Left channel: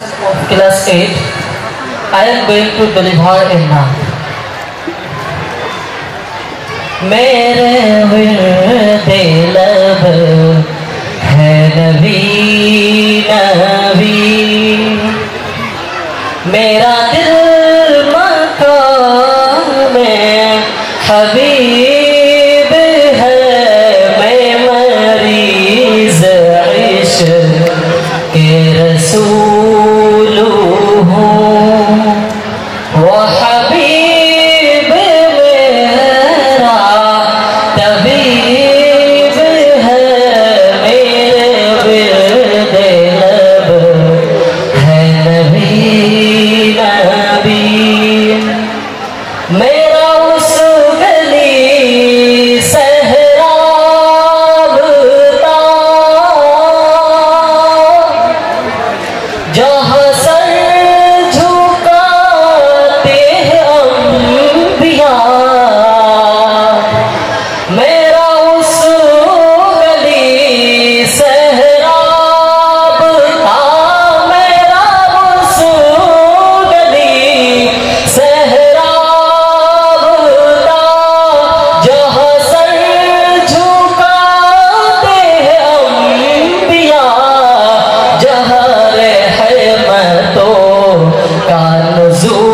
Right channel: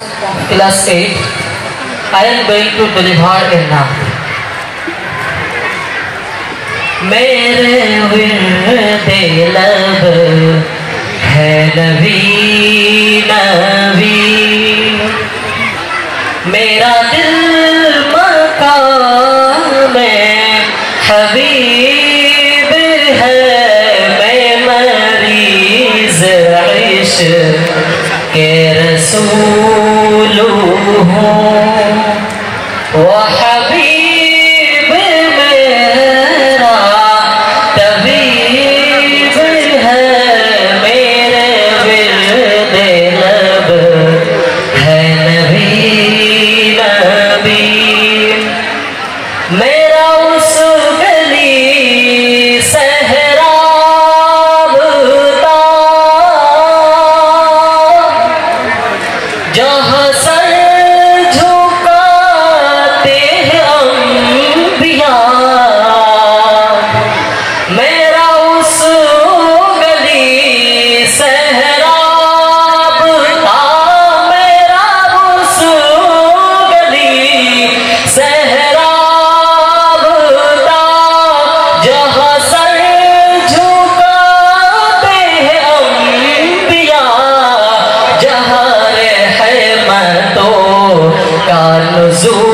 Class 8, I am going to deliver a now. मेरे विरदे लब है नबी नबी, मेरा दिल मकाम हबीब है, मैं मरीज़ इश्क़ के रसूल हूँ, वो हबीब मेरा तबीब है, मेरे विरदे लब है नबी नबी, मेरा उस गली सहराबता जहाँ सर झुकाते हैं अंबिया, मेरा उस गली सहराबता, मेरा उस गली सहराबता जहाँ सर झुकाते हैं अंबिया, जहाँ रहमतों का नुज़ूल